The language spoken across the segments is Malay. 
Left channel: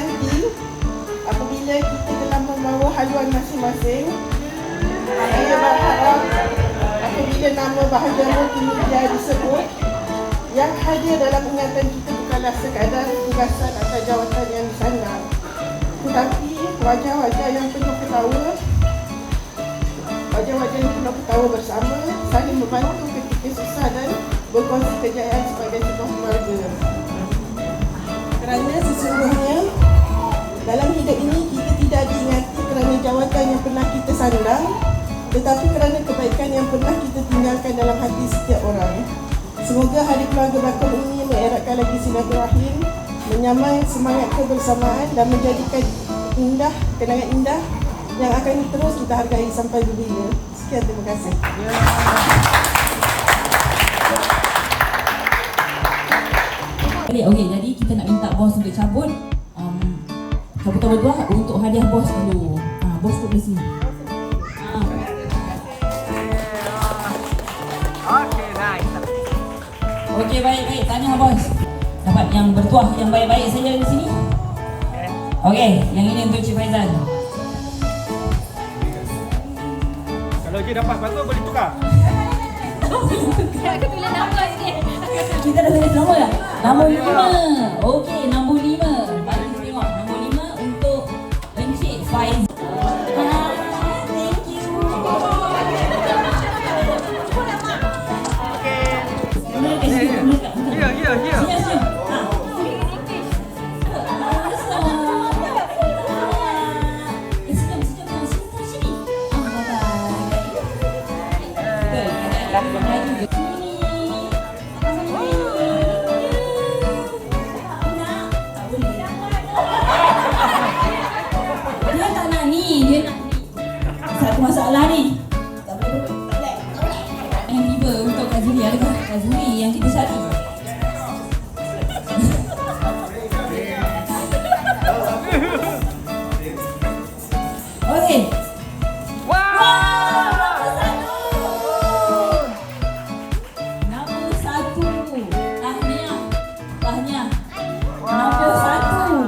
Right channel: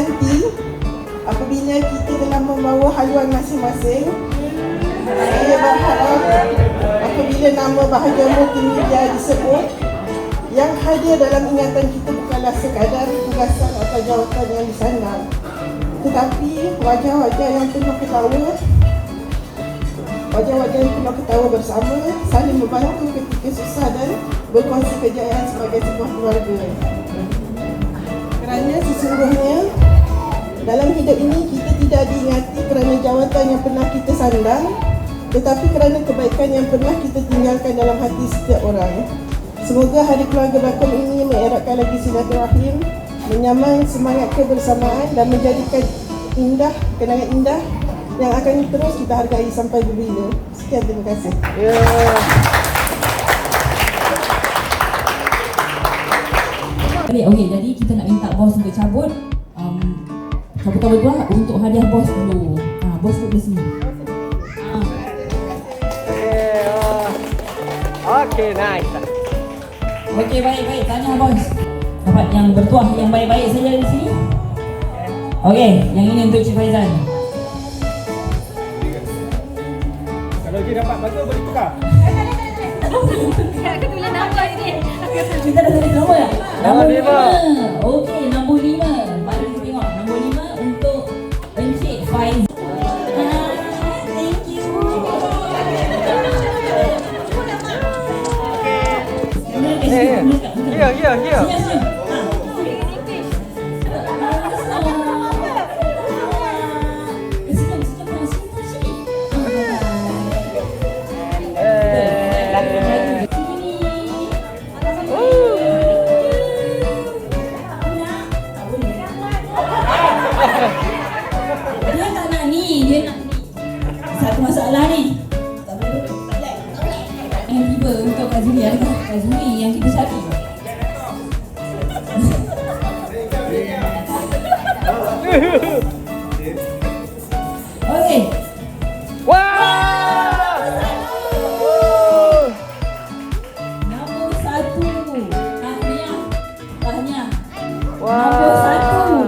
nanti apabila kita telah membawa haluan masing-masing, saya berharap apabila nama bahagian multimedia disebut, yang hadir dalam ingatan kita bukanlah sekadar tugasan atau jawatan yang disandang, tetapi wajah-wajah yang penuh ketawa, wajah-wajah yang penuh ketawa bersama, saling membantu ketika susah dan berkongsi kejayaan sebagai sebuah keluarga. Kerana sesungguhnya dalam hidup ini kita tidak diingati kerana jawatan yang pernah kita sandang, tetapi kerana kebaikan yang pernah kita tinggalkan dalam hati setiap orang. Semoga Hari Keluarga Bakung ini mengeratkan lagi silaturahim, menyamai semangat kebersamaan dan menjadikan kenangan indah yang akan terus kita hargai sampai berbila. Sekian, terima kasih. Okey, jadi kita nak minta bos untuk cabut. Cabutan berdua untuk hadiah bos dulu. Bos duduk di sini. Okey, nice. Okey, baik. Tanya bos. Dapat yang bertuah yang baik-baik saja di sini. Okey, yang ini untuk Cik Faizal. Kalau dia dapat bagus boleh tukar. Aku tulis nama ni. Kita dah tulis nombor tak? Nombor 5. Okey, nombor 5. Mari kita tengok nombor 5 untuk Encik Faizal. Thank you. Here. Satu masalah ni. Yang tiba untuk Kak Zuri. Adakah Kak Zuri yang kita cari? Okey. Wow! Nombor 1. Tahniah. Wow. Nombor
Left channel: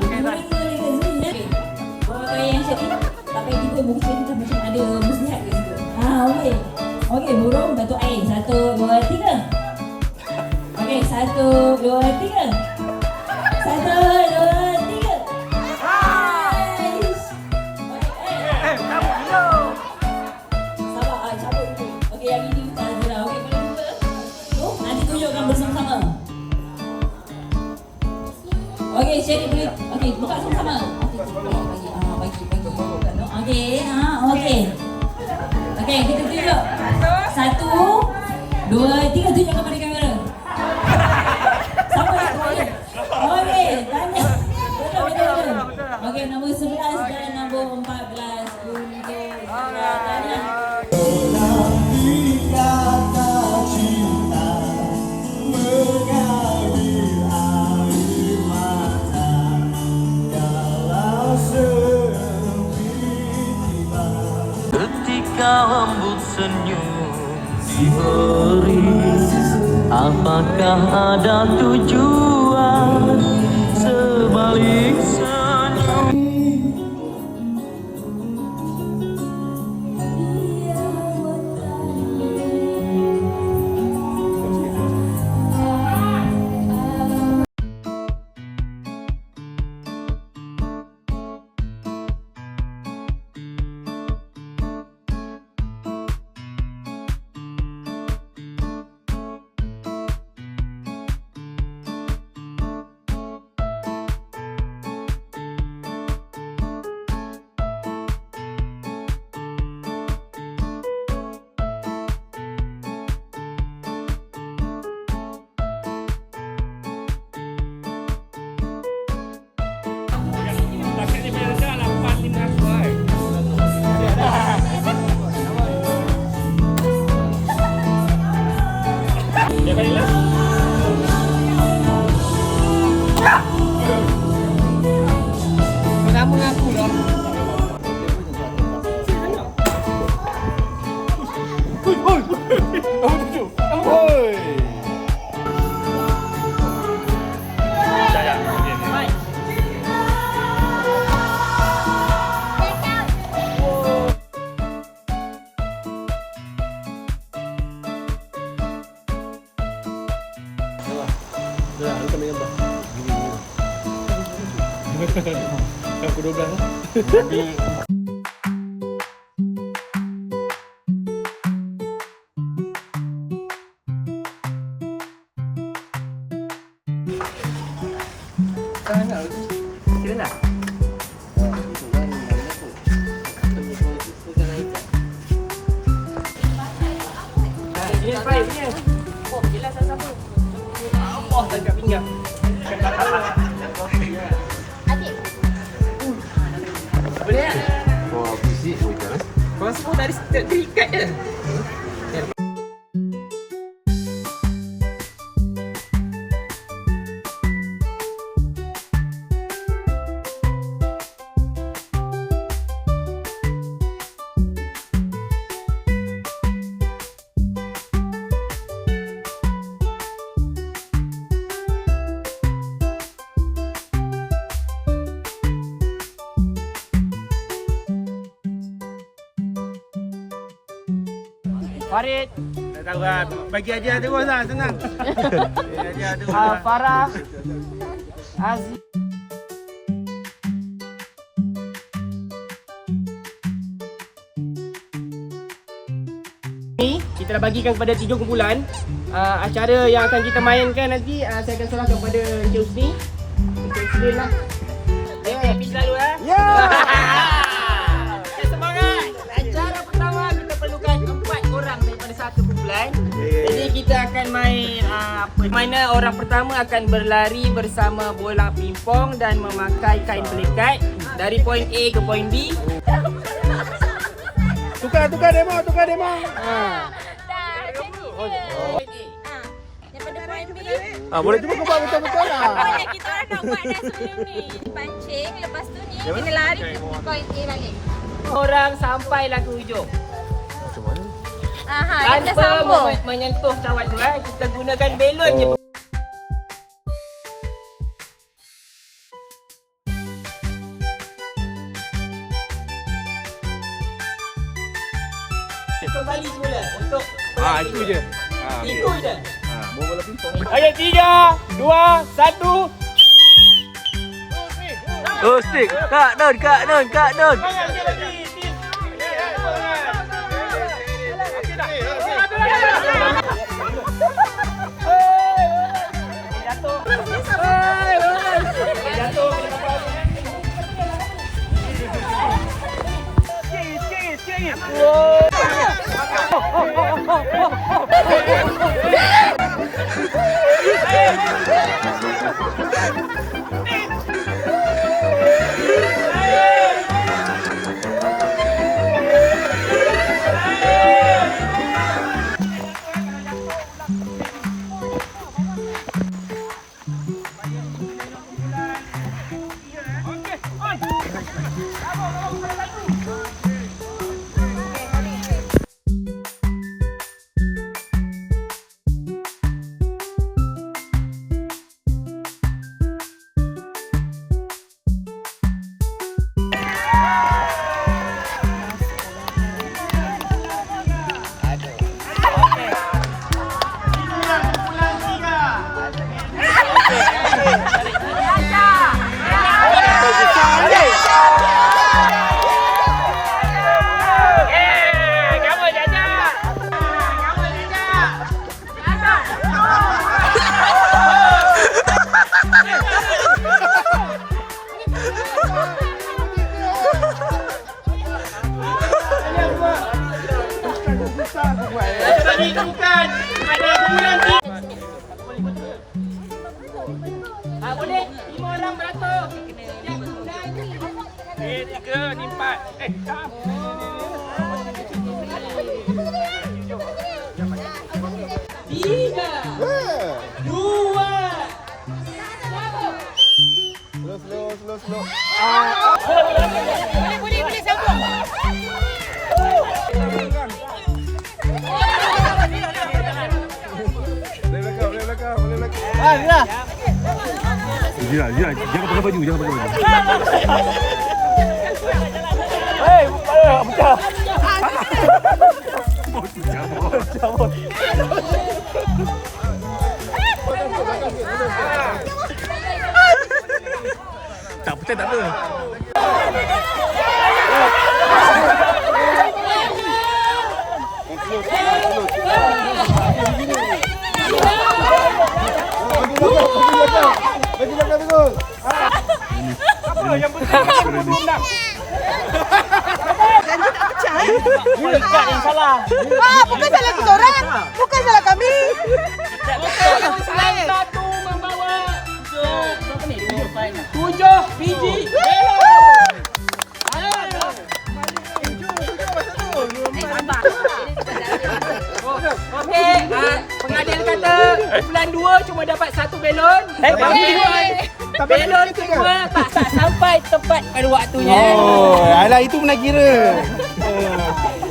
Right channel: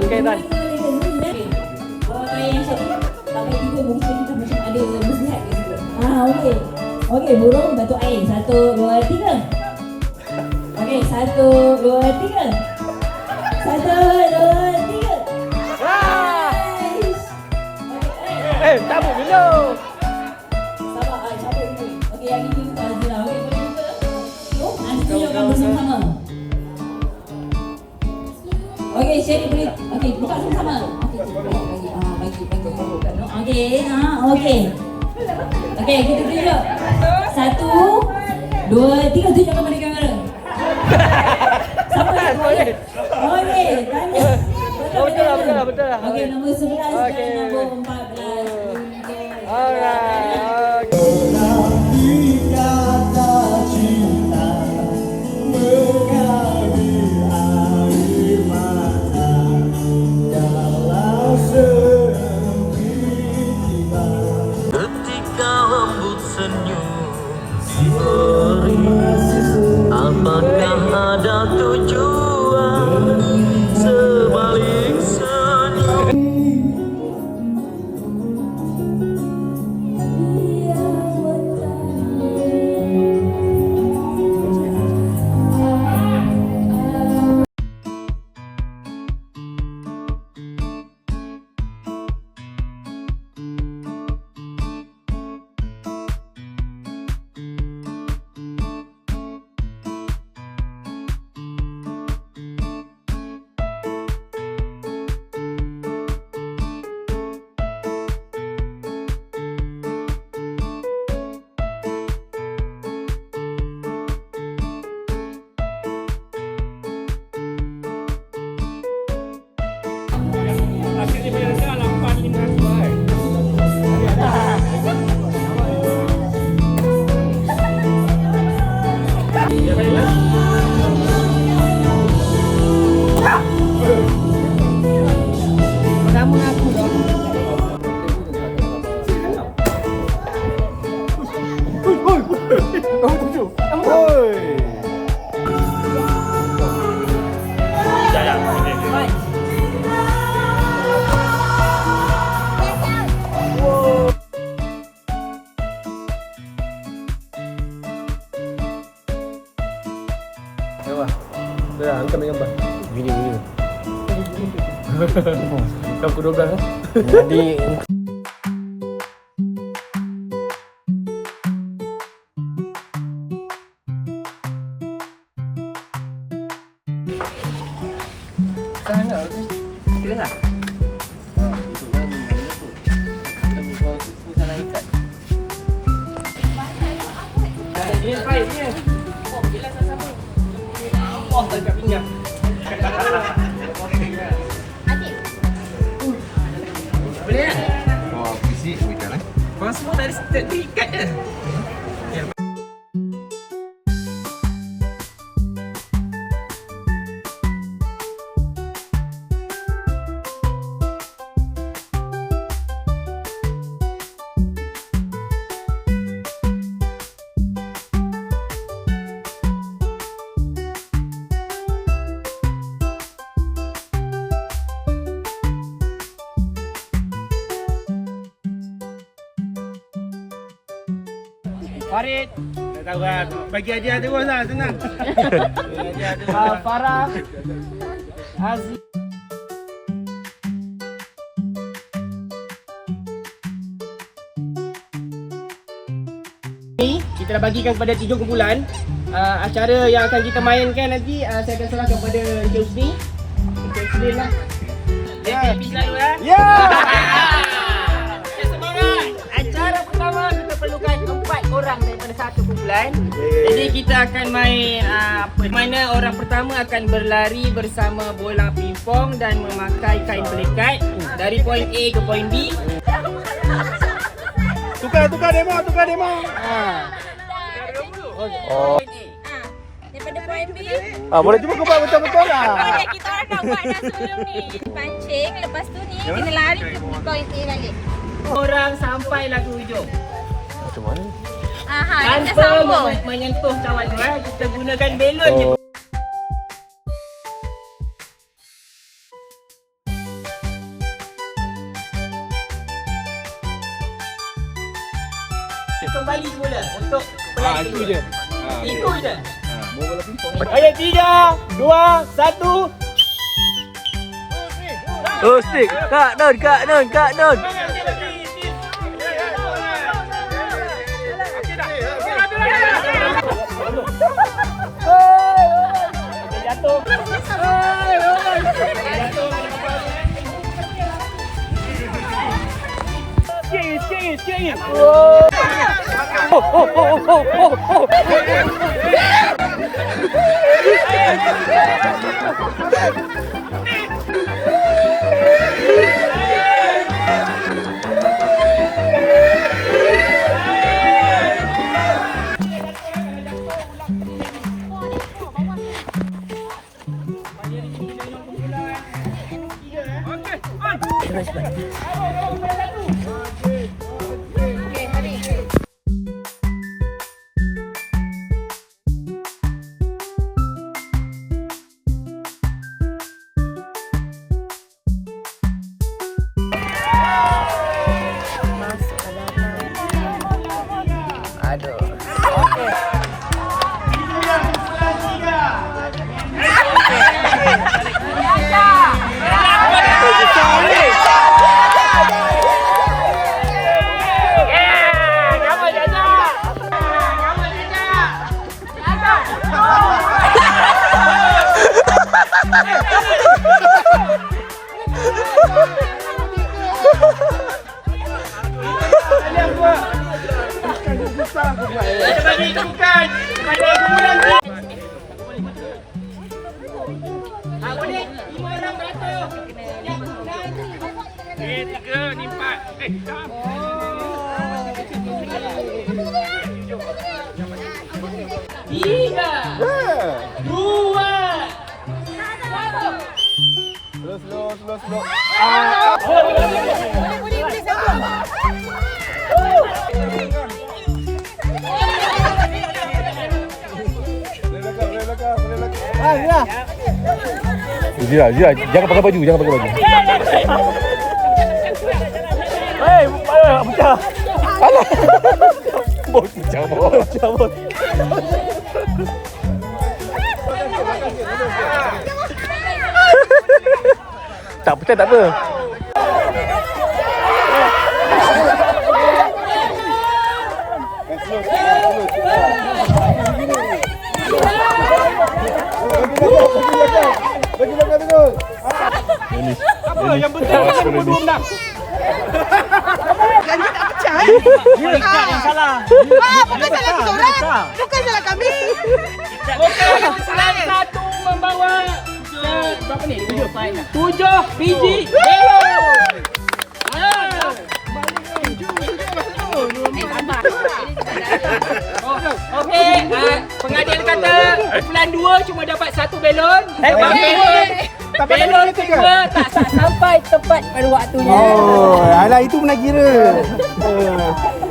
1. Okey, dah. Orang yang cari tak payah tiba mungkin kita macam ada muslihat ke situ. Okey. Okey, burung batu air. 1, 2, 3. Okey, 1, 2, 3. 1, 2, 3. Ah! Cabut dulu. Sabar, cabut dulu. Okey, yang ini untuk Azira. Okey, boleh buka? Nanti tunjukkan bersama-sama. Okey, Sherry boleh. Okey, buka sama-sama. Okey, bagi. Okey. Okey, kita tunjuk. 1, 2, 3. Tunjukkan pada kamera. Siapa yang boleh? Okey, tanya. Betul. Okey, nombor 11 Okey. dan nombor 14. Alright. Ketika lembut senyum diberi, apakah ada tujuan sebalik senyum? Gambar. Dah, hantar ambil gambar. Gini. Kan pukul 12 lah. Jadi Farid. Tak tahu lah. Bagi aja terus lah, senang. Farah. Aziz. Ni kita dah bagikan kepada 3 kumpulan. Acara yang akan kita mainkan nanti saya akan serahkan kepada Encik Husni. Encik Husni lah. Encik pergi dulu ya. Ya. Semangat. Acara pertama kita perlukan 4 orang daripada satu kumpulan. Jadi kita akan main mana orang pertama akan berlari bersama bola pingpong dan memakai kain pelikat dari poin A ke poin B. Tukar demo. Daripada poin B. boleh cuba kau buat betul-betul lah. Boleh, kita orang nak buat dah sebelum ni. Pancing, lepas tu ni kena lari poin A balik. Orang sampailah ke hujung. Macam mana? Kita Tanpa sambung. menyentuh cawan tu kita gunakan belon je. Kembali semula untuk Itu je. itu je. Bola pingpong. Okey, 3, 2, 1. Oh, stick. Kak Nun. Jatuh. Sikit. Boleh 5 orang beratur. Sekejap. 3, 4. Boleh sambung. Zira, jangan pakai baju. Hei, pecah. Alah. Bos pecah. Tak pecah tak apa. Bukan salah kita orang. Bukan salah kami. Kumpulan satu membawa berapa ni? 7 biji belon. Okey, pengadil kata kumpulan 2 cuma dapat 1 belon. Belon kedua tak sampai tepat pada waktunya. Oh, alah itu pernah kira.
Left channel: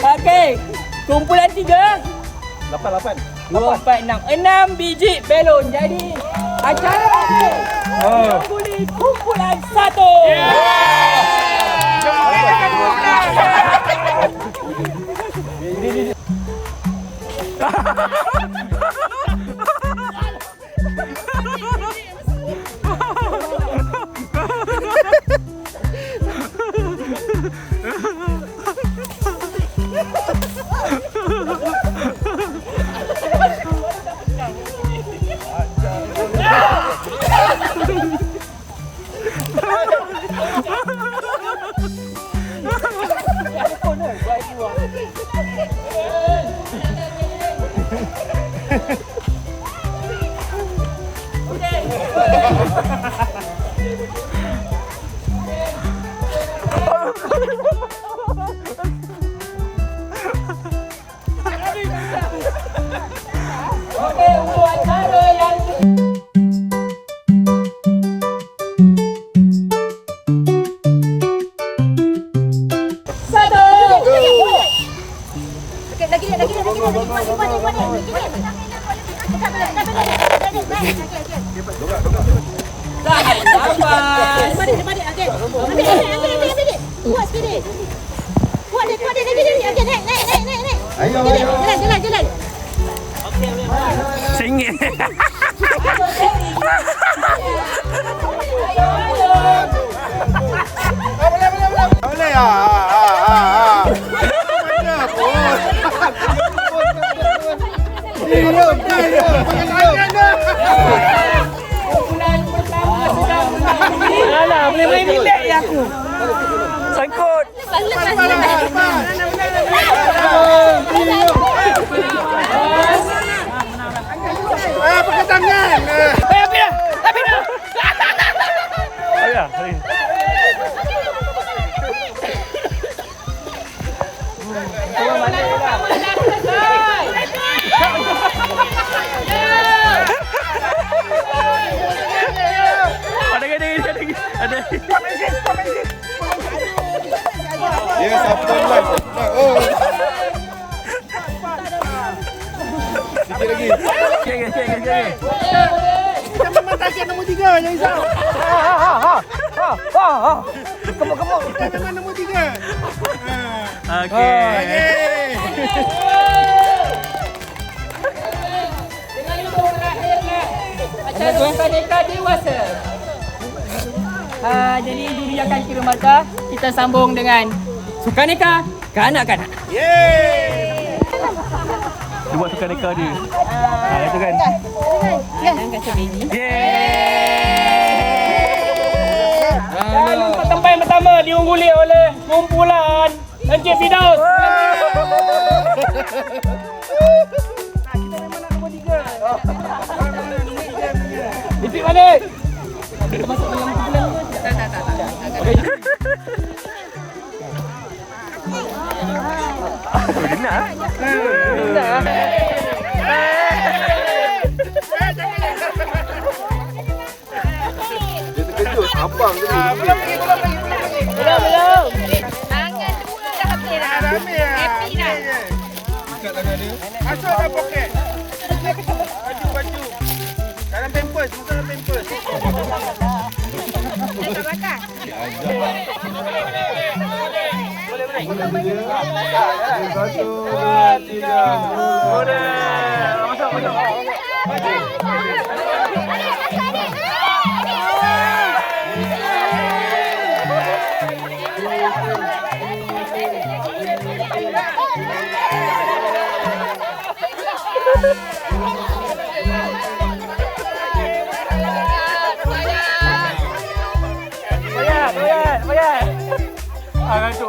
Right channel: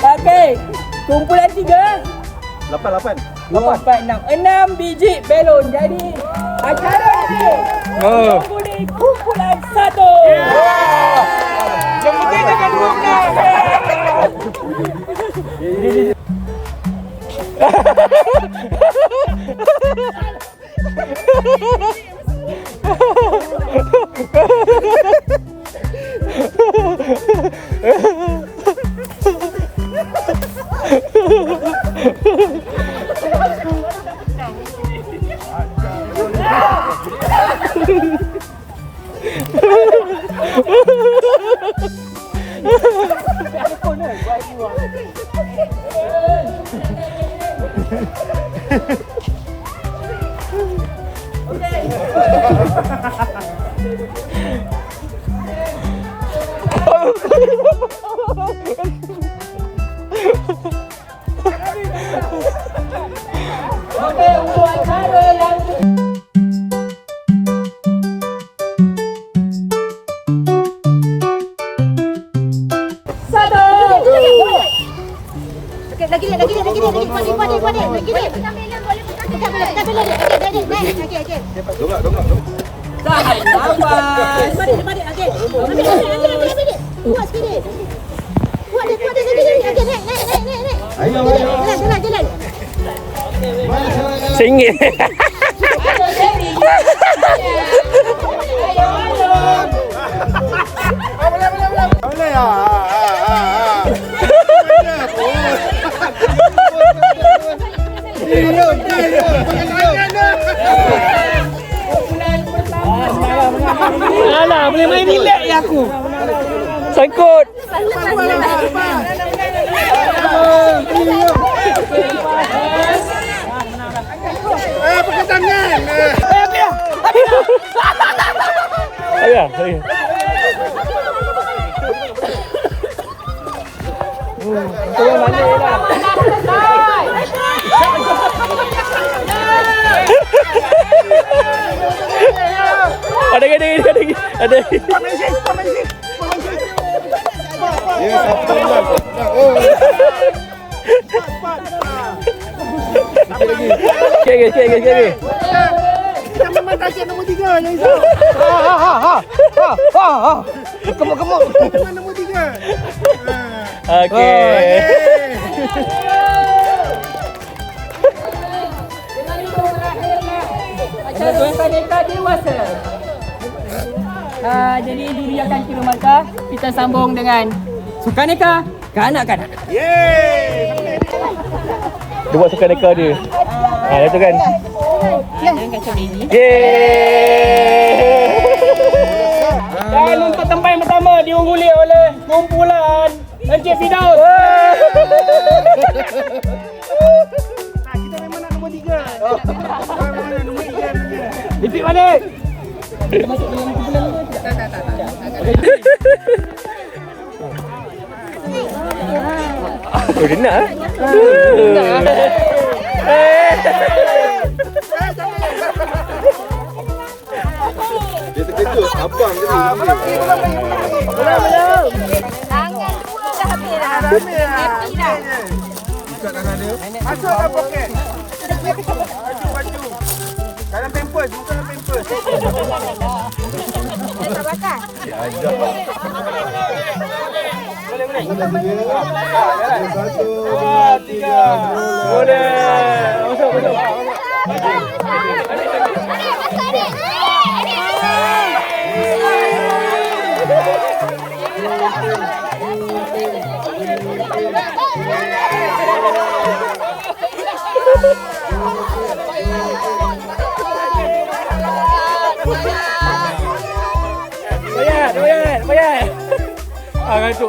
Okey, kumpulan 3 8. 2, 4, 6 biji belon. Jadi acara ini mengguli kumpulan 1. Yang penting dengan 12. Okey, untuk acara yang RM1. Boleh ya. kumpulan pertama sudah mengambil. Alah, boleh relax ya aku. Sangkut. Pakai tangan. Ayah. Tolong balik dah. Ada. Ya, siapa live. Oh. Sikit lagi. Okey. Kita memang target nombor 3 yang Isa. Kemuk. Kita memang nombor 3. Okey. Dengan itu berakhirlah acara Sukaneka Dewasa. Jadi juri akan kira mata. Kita sambung dengan Sukaneka kanak-kanak. Yeay. Dia buat sukaneka dia. Itu kan. Dan untuk tempat yang pertama diungguli oleh kumpulan Encik Fidaus. Kita memang nak nombor 3. Ipik balik. Kita masuk dalam kumpulan tu. Tak. Oh, dia nak. Dia terkejut. Abang je ni. Belum. Tangan dua dah habis dah. Happy dah. Ikat tangan dia. Masuk dalam poket. Baju. Dalam pampers. Bukan dalam pampers. Tak bakar. Diajak. Satu, dua, tiga. Boleh. Masuk. Tangan Bayar. Ah, ngantuk.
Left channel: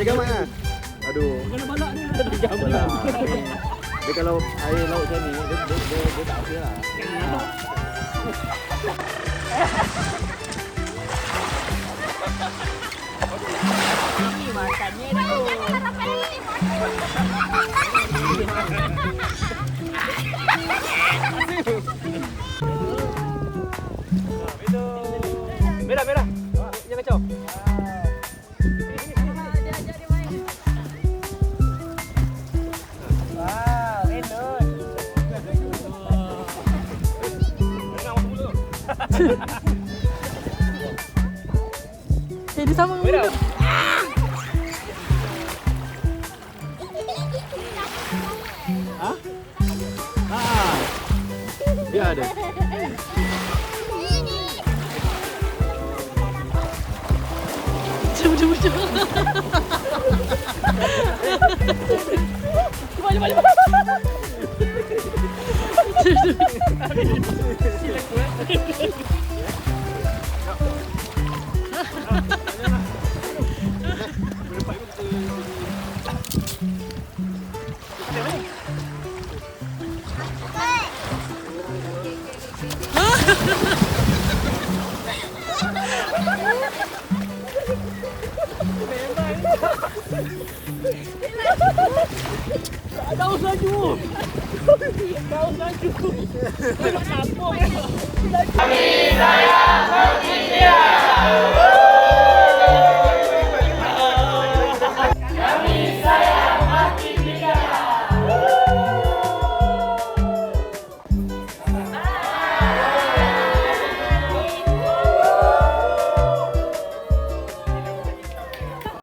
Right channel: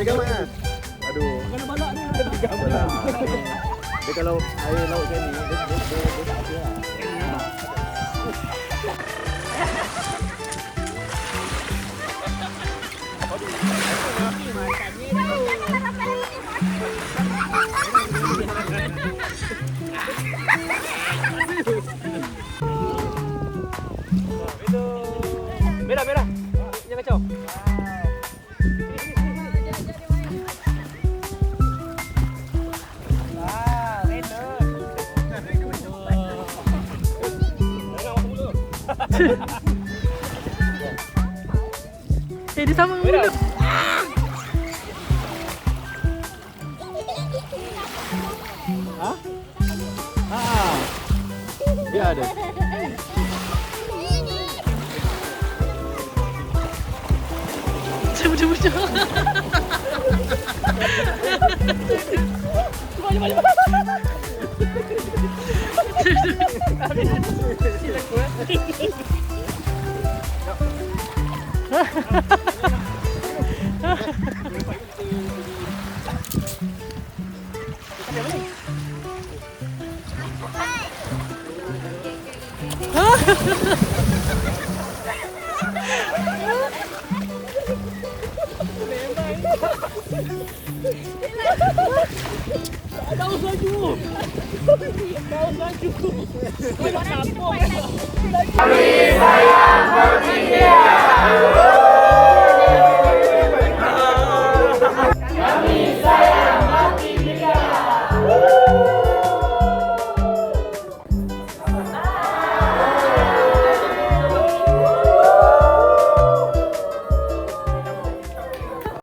Ada gambar lah. Aduh. Bukan balak ni. Ada gambar. Dia kalau air laut macam ni, dia tak apa lah. Merah. Jangan kacau. Dia sama mulu. Ha? Ha. Dia ada. Cuba. Kau laju. Kau nak sambung. Kami sayang Virginia.